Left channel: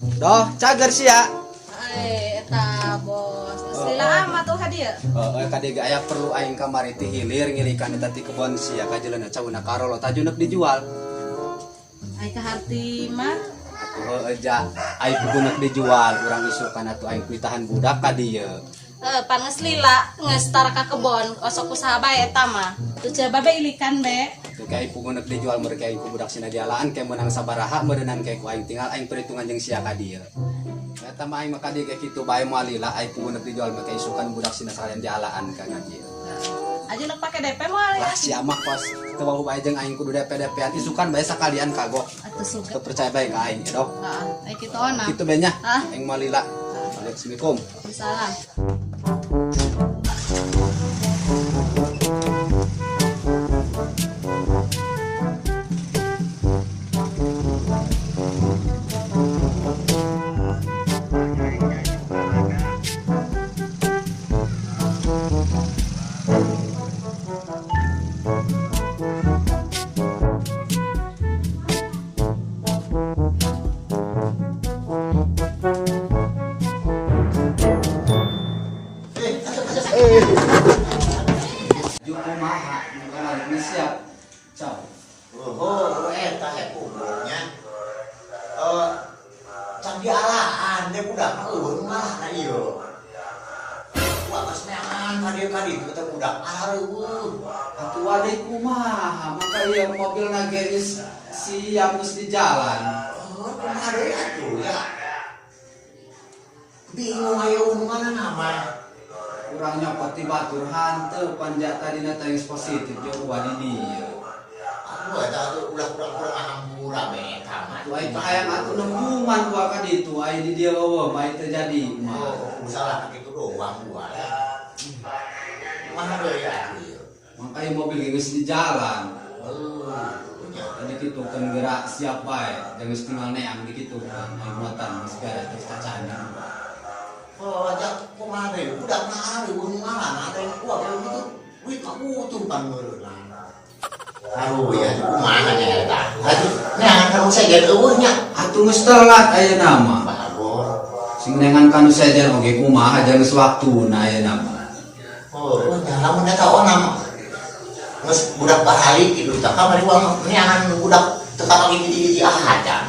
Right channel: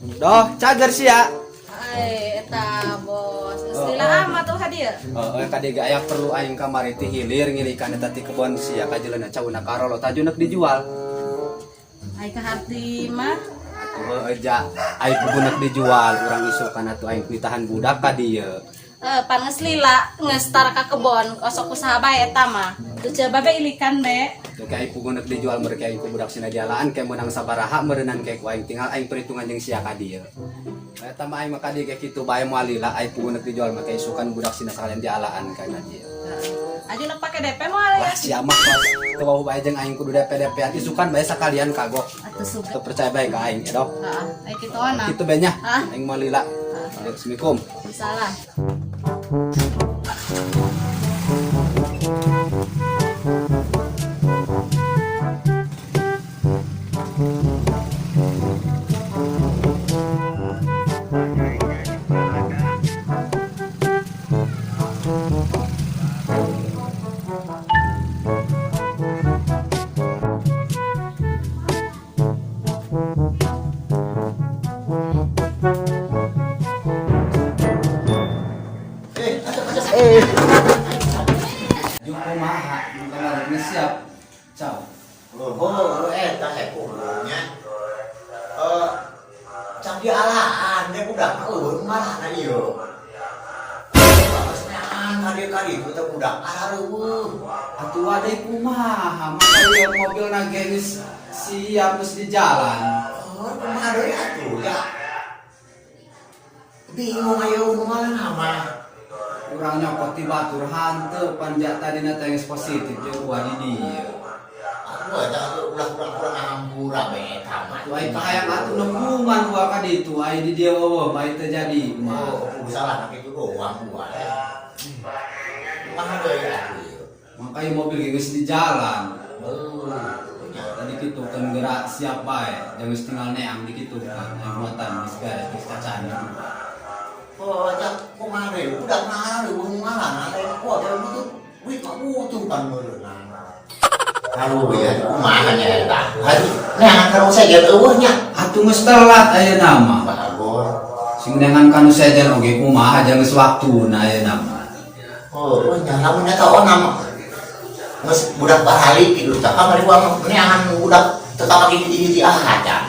Doh, cager sih ya. Eta bos. Sila amat tuh hadiah. Kadi gaya perlu aing kamari ti hilir ngirikan eta ti kebon sia kajelena cauna karolo tajunek dijual. Ai ka hati mah. Eja aing kubunek dijual urang isukan atuh aing pitahan budak ka dieu. Panges lila ngestar ka kebon osok usaha bae eta mah. Coba bae ilikan be. Kayak kubunek dijual mereka aing budak sina dialaan kayak menang sabaraha meureunnan kayak ku aing tinggal aing perhitungan jeung sia ka dieu. Eta mah aing mah kadi kayak kitu bae moal lila aing kubunek dijual make isukan budak sina sakalian dialaan ka dieu. Aja nak pakai DP moal ya. Wah sia mah kos teu bau bae jeung aing kudu DP-an isukan bae sakalian kagok. Atuh suka. Teu percaya bae ka aing ya, Dok. Ai kitu na. Kitu bae nya. Hah? Aing moal lila. Assalamualaikum. Salah. Siap. Ciao. Eta hepulnya. Can dialaan dia budak eueun malah na ieu. Palasnean kadi-kadi teu budak areuweung. Atuh wadai kumaha? Maka mobilna geus siap geus di jalan. Kumaha deui atuh ya. Bingung aya unungan nama. Urang nyopot ti batur hanteu panjat tadina teh geus positif jeung ulah di dieu. Aduh eta ulah-ulah ngambura we tamat. Tuh aing kahayang atuh nembungan wa ka ditu aya di dieu eueuh bae teu jadi kumaha. Salah kitu doang gua ya. Kumaha deui atuh. Makanya mobil geus di jalan. Tadi kitu kan gerak siap bae, jangan tinggal neang di kitu kan muatan geus gawe geus cacana. Ajak kumaha deui budak na areuweung ngaran ada yang kuat ya betul. Wih kabutuh kan meureunan. Aduh ya kumaha nya eta. Neangan kanu saja eueuh nya. Atuh geus telat ayeuna mah. Bagor. Sing nengan kanu saja oge kumaha aja geus waktuna ayeuna mah. Nya lamun eta onam. Geus budak bahali tidur teh kamari gua neangan budak teu kamari di aja.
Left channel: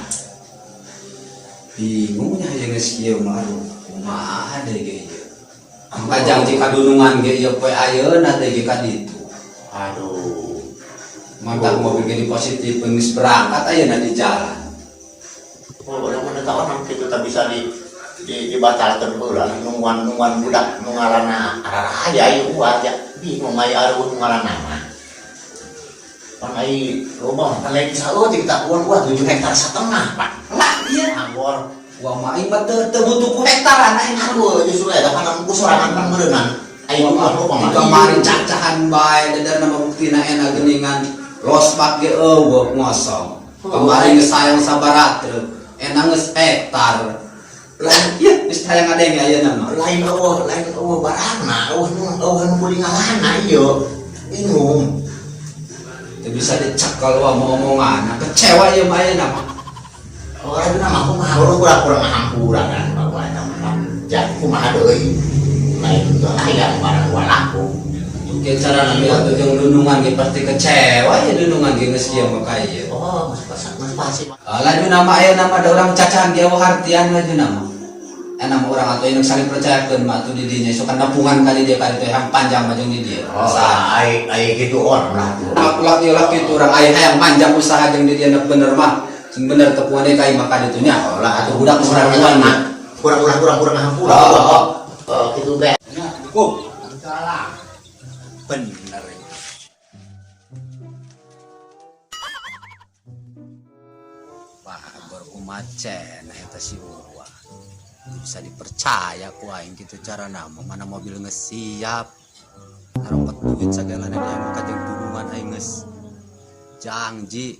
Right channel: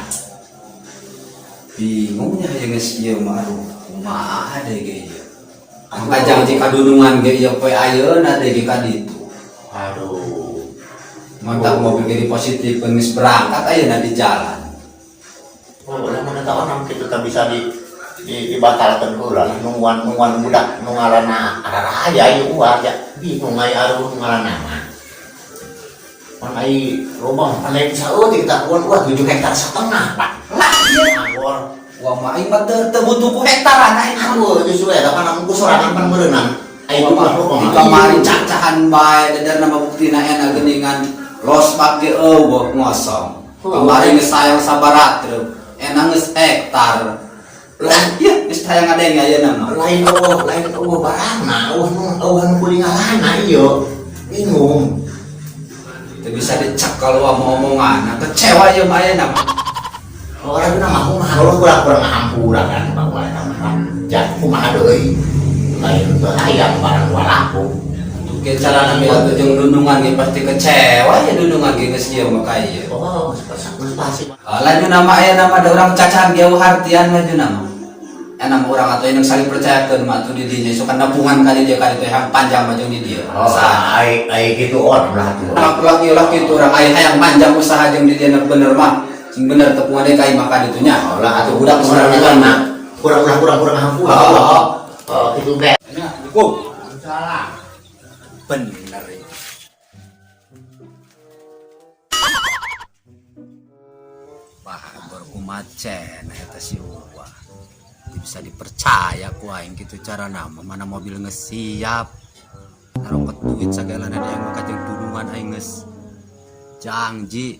Bingungnya aya geus ieu mah aduh. Kumaha deui ge ieu. Panjang jika dunungan ge ieu poe ayeuna teh ge ka ditu. Aduh. Mantap mobil ge positif geus berangkat ayeuna di jalan. Lamun eta onam kitu teh bisa dibatalkeun heula nungguan budak nu ngaranna arahaya ieu gua ya bingung aya areuweung ngaranna mah. Pan ai robong panai saeutik kita kuon 7 hektar setengah, Pak. Lah ieu anggur. Wah mah aing mah teu butuh ku hektaran aing. Aduh, justru eta kan ku sorangan pan meureunan. Ai mah robong kamari cacahan bae dadarna mah buktina enak geuningan losbak ge eueuh ngosong. Kamari geus sayang sabaratreu, enak geus hektar. Lah ieu geus hayang ngadenge ayeuna mah. Lain barangna, nu kuring ngaranna ieu. Bingung. Teu bisa dicekal wa omongan. Kecewa ieu mah ayeuna mah. Orang itu nama kumaha ulah kurang hampura kan bahwa nama jat kumaha deui lain teu hayang barang walaku Ke cara nami atuh jeung dundungan ge pasti kecewa ya dundungan ge geus ieu mah ka ieu. geus pasti Lain nama aya nama ada urang cacahan ge hartian lain nama. Enak urang atuh indung saling percayakeun mah atuh di dinya isu kan napungan ka dieu ka dieu yang panjang mah jeung di dieu. Ai kitu on lah tuh. Lak ieu lak kitu urang aya hayang panjang usaha jeung di dieu bener mah. Sing bener tepuan deh kai maka ditunya. Lah atuh budak kurang mah. Kurang hampura. Kitu be. Assalamualaikum. Salah. Bener. Wah, baru kumacen eta si Uwa. Bisa dipercaya ku aing kitu cara nama mana mobil geus siap. Karepet duit sagala dan aing ka jeung dudungan aing geus janji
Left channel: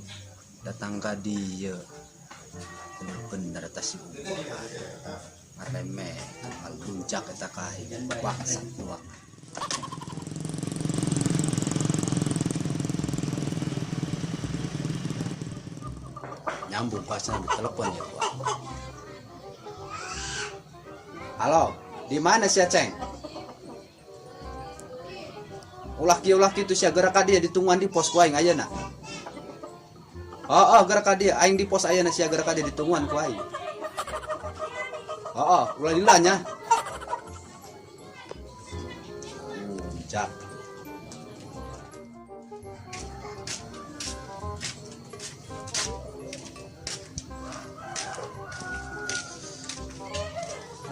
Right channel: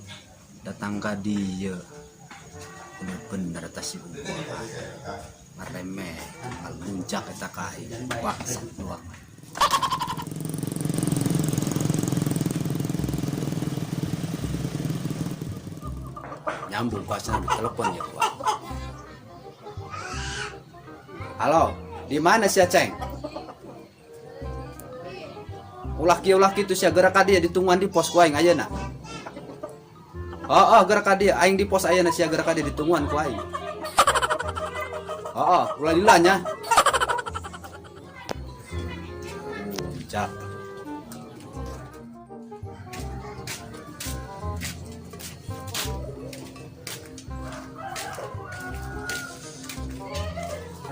datang ka dieu. Bener-bener eta si Uwa. Maremeh, ngaluncak eta ka aing. Bangsat doang. Nyambung kuasa telepon ya, Pak. Halo, di mana si Aceng? Ulaki itu sia gerak dia ditungguan di pos ku aing ayeuna. Oh, gerak dia aing di pos ayeuna sia gerak dia ditungguan ku aing. Ulah dilanya. Jak.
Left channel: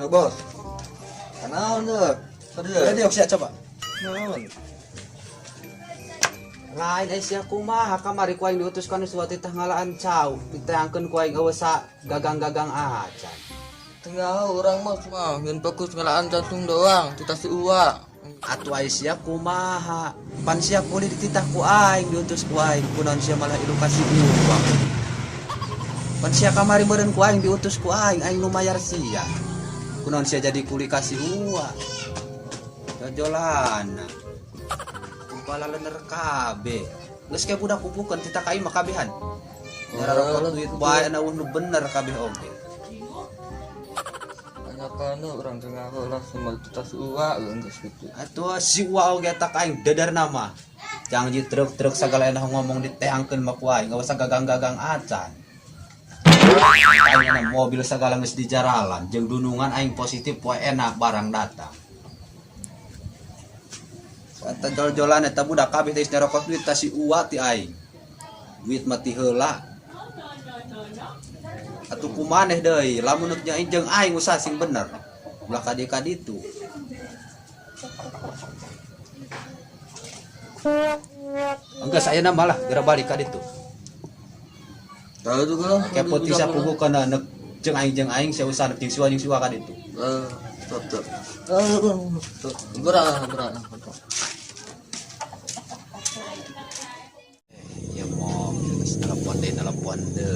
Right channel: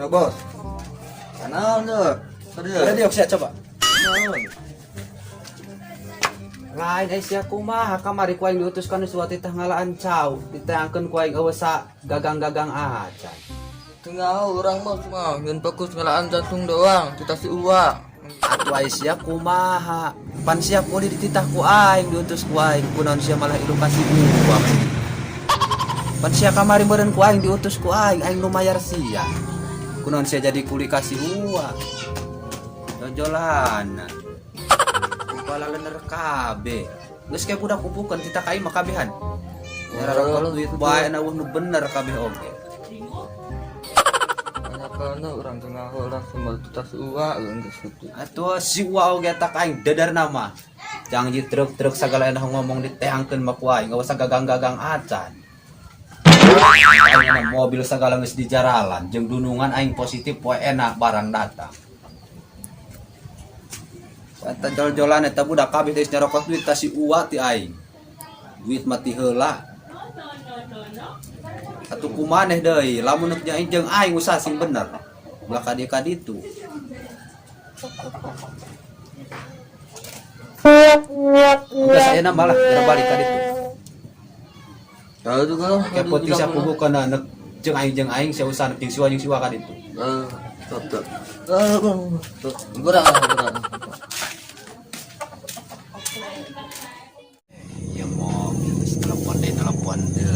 Bos. Kenal tuh. Ya dia siap coba. Naon? Lain sia kumaha kamari ku aing diutuskan suatu teh ngalaan cau, ditayangkeun ku aing awasa gagang-gagang aja. Tengah orang mah cuma ngan fokus ngalaan jantung doang, kita si uwa. Atuh aya sia kumaha? Pan sia ku dititah ku aing diutus ku aing kunaon sia malah edukasi uang. Pan sia kamari meureun ku aing diutus ku aing nu mayar sia. Kunaon sia jadi kuli kasih uang. Dojolan. Kepala lener kabeh. Geus kayak budak pupukeun titah ka aing mah kabehan. Daerah rokok duit bae na nu bener kabeh oge. Karena orang tengah orang semua kita si uwa geus gitu. Atuh si uwa oge tak aing dadar nama. Janji truk-truk sagala enak ngomong diteangkeun mah ku aing, gak usah gagang-gagang acan. Aing mobil sagala geus di jaralan, jeung dunungan aing positif poe enak barang datang. Eta jol-jolan eta budak kabeh geus nyerokos duit ta si uwa ti aing. Duit mah ti heula. Atuh kumaneh deui, lamun aing jeung aing usaha sing bener. Ulah ka ditu. Udah saya nambah lah, terbalikan itu. Tahu tuh kalau Kayak putih saya pugu kena nek jeung aing saya usah jeung siwa kan itu. Top. Tuh, kurang. Ya mau telepon deh.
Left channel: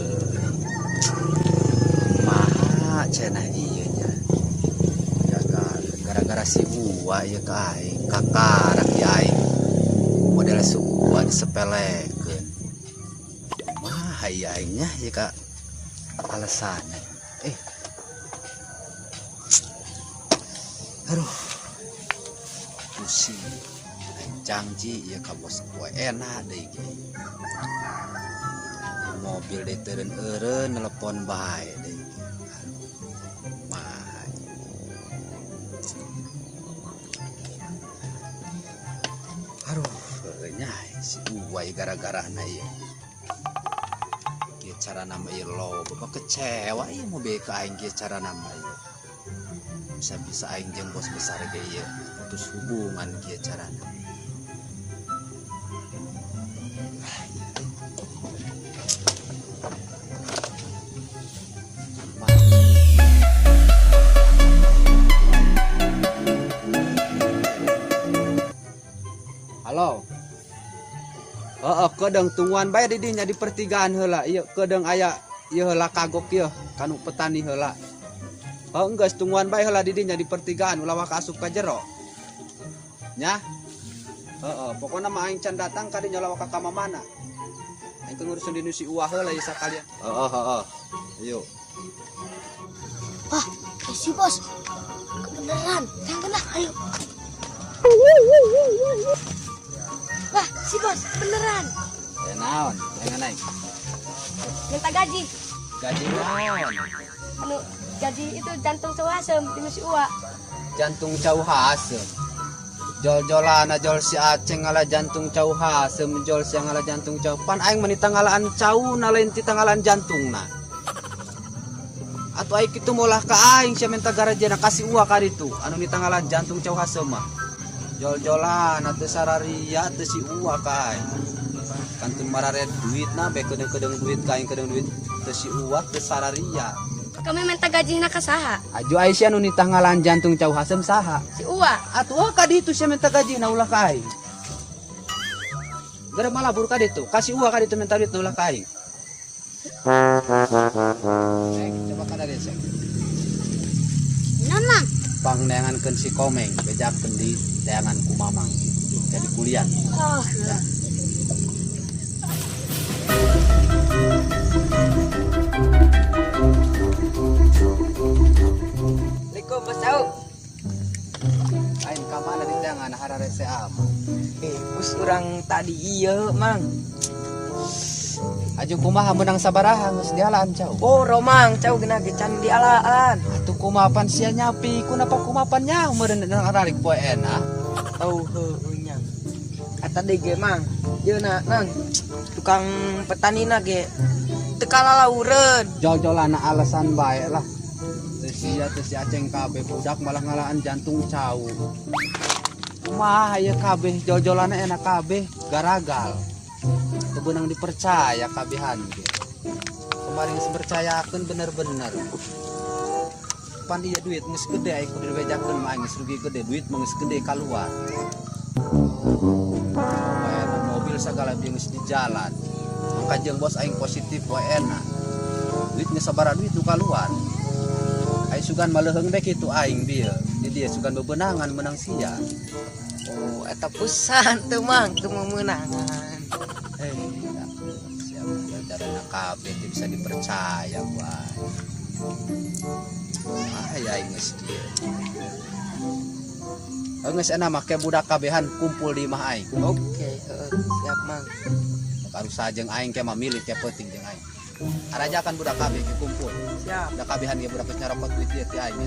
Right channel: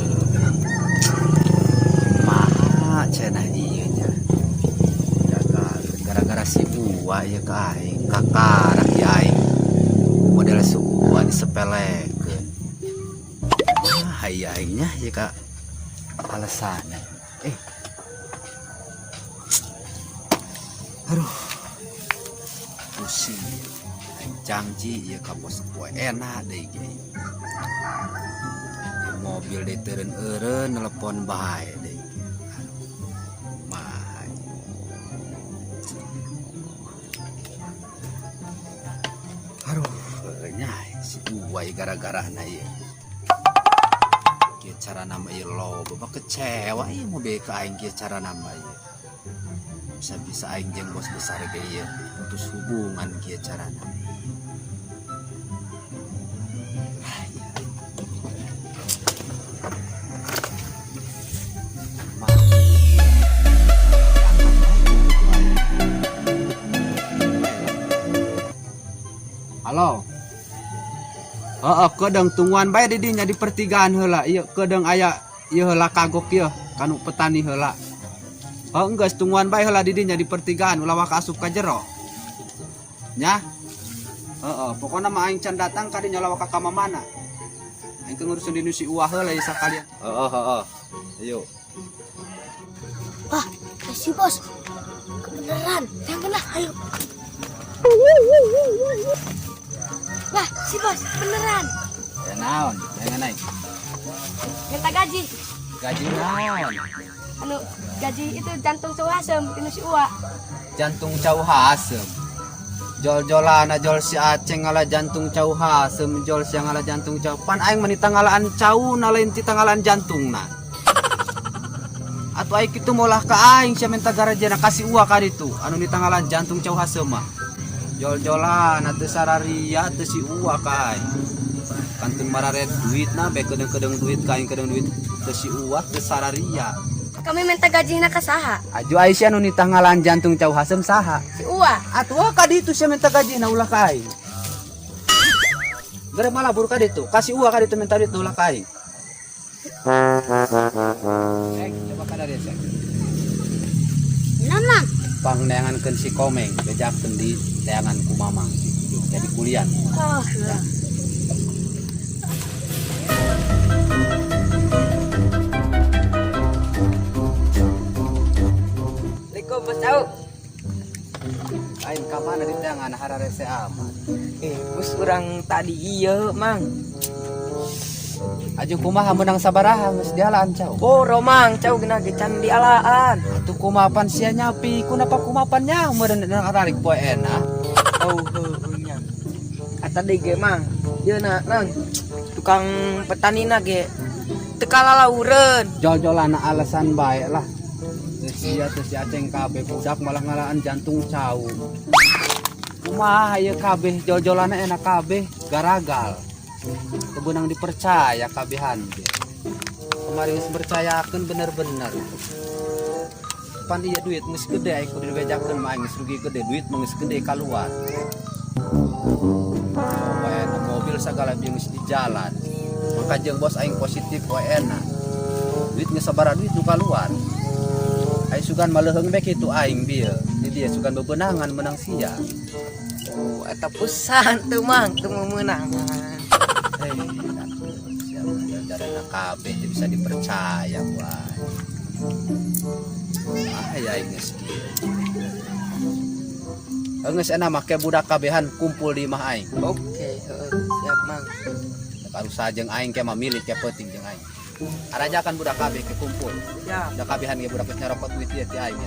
Mah cenah ieu nya. Gara-gara si uwa ya ka aing, kakarak ya aing. Model si uwa disepelekeun. Hayya aingnya ya ka alasan. Aduh. Pusing. Janji ya ka bos gue enak deh ge. Mobil diteureun-eureun nelpon bae deh. Mah. Aduh, nya si uwai gara-gara na ieu. Kieu cara nama ieu lo, kecewa ieu mude ka aing kieu cara nama ieu. Bisa aing jeung bos besar ge ieu putus hubungan kieu cara nama. Halo. Kedeng tungguan bae di dinya di pertigaan heula. Ieu kedeng aya ieu heula kagok ieu kanu petani heula. Enggeus tungguan bae heula di dinya di pertigaan ulah waka asup ka jero. Nya? Pokona mah aing can datang ka dinya ulah waka ka mamana. Aing ngurusin dinu si uwah heula ieu sakalian. Ayo. Wah, si bos. Beneran, yang kena, ayo. Wah, si bos, beneran. Ya naon? Aing naik. Minta gaji. Gaji naon? Anu, gaji itu jantung cowok asem, tinu si Uwa. Jantung cau hasem. Jol-jolana jol si Aceng ngala jantung cau hasem, jol si ngala jantung cau. Pan aing menita ngalaan cau na lain tita ngalaan jantungna. Atau aing kitu molah ka aing sia minta garajana kasih uang ka ditu. Anu nita ngalaan jantung cau hasem mah. Jol-jolan atuh sararia teu si uwa ka aing. Kantung mararet duit na be kedeung-kedeung duit ka aing kedeung duit teu si uwa teu sararia. Kami minta gaji ka saha? Aju Aisyah nu nita ngalaan jantung cau hasem saha? Si Uwa. Atuh ka ditu sia minta gaji na ulah ka aing. Gara malabur ka ditu, kasih uang ka ditu minta ditu ulah ka aing. Nana. Pangneangankeun si Komeng bejakeun di teangan ku Mamang. Jadi kuliah. Oh, Assalamualaikum Mas Saud. orang tadi iya mang. Aja kumaha menang sabaraha geus dialaan cau. Boro mang cau kena gecan di alaan. Atuh kumapan sia nyapi kunapa kumapan nya meureun ralik poe enak. Oh nya. Tadi ge mang. Ieu na nang tukang petani na ge teu kalalaureun. Jol-jolana alasan bae lah. Teu sia teu si Aceng kabeh budak malah ngalaan jantung cau. Kumaha ieu kabeh jol-jolana enak kabeh garagal. Kebenang dipercaya kabehan ge. Kemarin percayakeun bener-bener. Pan ieu duit geus gede aing kudu dibejakeun mah geus rugi gede duit mah geus gede kaluar. Mobil segala jenis di jalan. Maka jeung bos aing positif wae enak. Duit geus sabaraha duit nu kaluar. Aing sugan maleuheung we kitu aing bieu. Jadi dia sugan bebenangan menang sia. Oh eta pusan teu mang teu meunangan. Kabeh bisa dipercaya wae. Ya ini sedih. Geus enak make budak kabehan kumpul di imah aing. Oke, siap mang. Karu sajeng aing ke mamilih ke penting jeung aing. Arajakan budak kabeh ke kumpul. Siap. Da kabehan ge budak nyarapot duit ieu ti aing.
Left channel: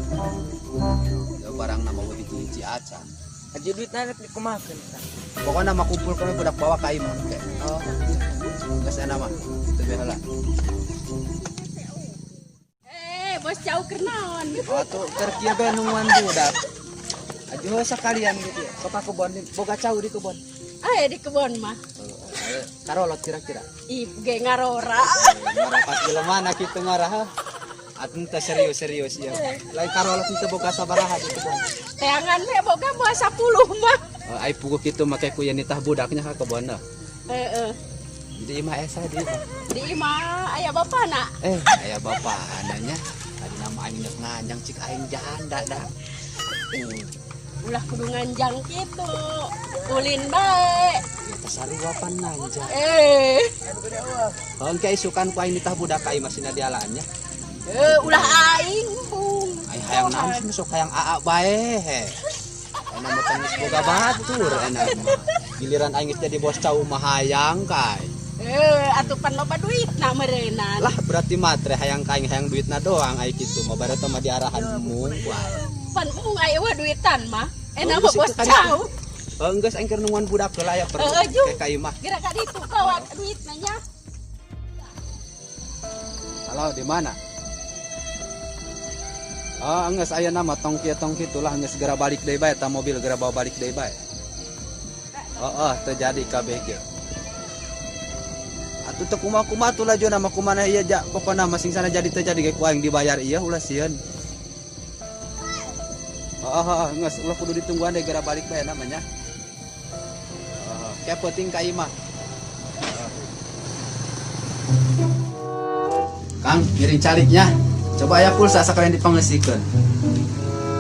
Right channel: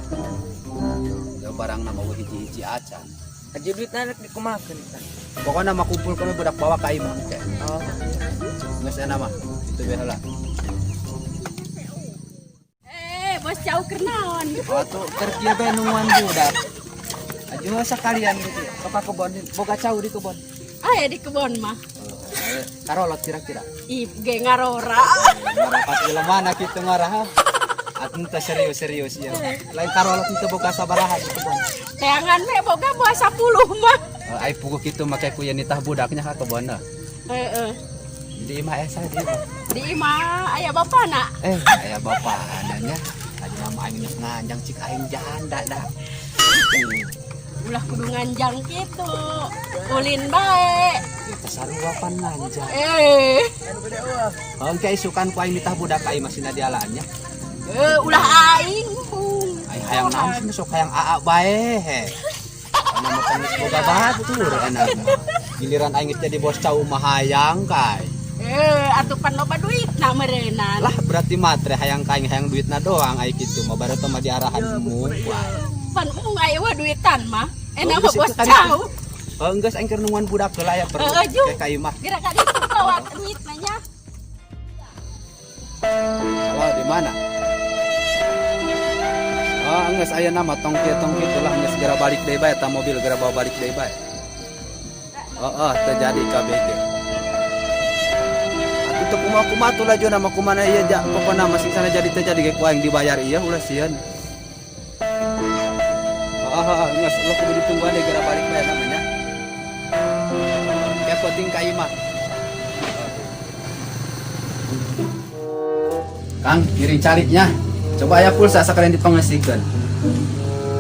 Da barang nama hiji-hiji acan. Aja duit narik dikumakeun. Pokoknya mah kumpul kami budak bawa ka imah. Oh. Geus enak mah. Itu we heula. Bos jauh kenalan. Atuh kerja bae nemuan budak. Aja sakalian sok ka kebon boga cau di kebon. Ya di kebon mah. Karolot kira-kira. Ih, ge ngarora. Pas mana kitu ngarah. Atuh teh serius ya. Lain karolot itu boga sabaraha. Kayangan we boga bawa 10 mah. Ai puguh kitu make ku yen nitah budaknya ka kebonna. Heeh. Di imah asa di. Di imah aya bapana. Aya bapaananya. Adi mah aing geus nganjang cik aing janda dah. Ulah kudu nganjang kitu. Ulin bae. Kita saruapan lanjang. Hongke isukan ku aing nitah budak aing masih dialaannya. Ulah aing. Ai hayang naon sok hayang aa bae he. Ana mah kan boga batur enak. Giliran aing geus jadi bos cau mah hayang kai. Atuh pan loba duit na meureunana. Lah berarti matre hayang kaing hayang duitna doang ai kitu mah baru mah diarahanmu. Pan aya we duitan mah. Enak mah geus bos tadi. cau. Geus aing keur nungguan budak heula ya perlu ke ka imah. Gerak ka ditu bawa duit nya. Oh, di mana? Geus aya nama tongki lah geus segera balik deui bae ta mobil segera bawa balik deui bae. Terjadi kabeh ge. Atuh kumaha tuh laju nama kumana ieu ja pokona masing sana jadi terjadi ge ku aing dibayar ieu ulah sieun. Geus ulah kudu ditungguan deui segera balik bae namanya. Ya penting ka imah. Kang, kiring caliknya. Coba ya pulsa sekalian dipangesikeun.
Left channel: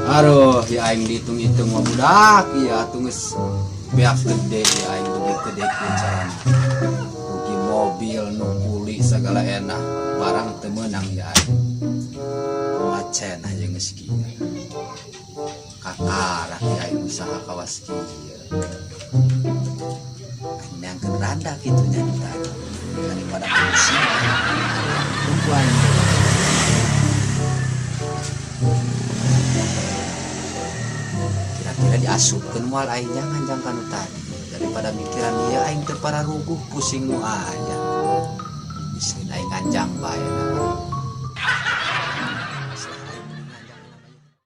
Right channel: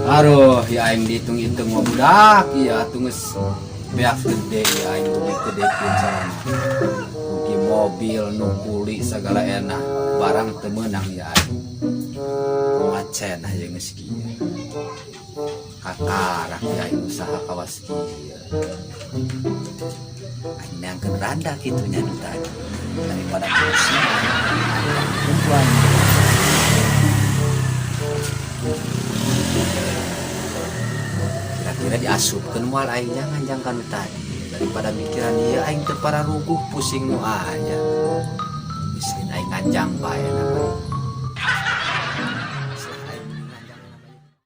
Aduh, ya aing dihitung-hitung mah budak, iya atuh geus beak gede aing duit gede pisan. Rugi mobil, nu kuli segala enak, barang teu meunang ya aing. Wacen aja geus kieu. Katarak ya aing usaha kawas kieu. Aing nyangkeun randa kitu nya tadi. Daripada polisi. Kira-kira diasupkeun moal aing nganjang kanu tadi daripada mikiran dia aing teu para ruguh pusing nu aya. Miskin aing nganjang bae.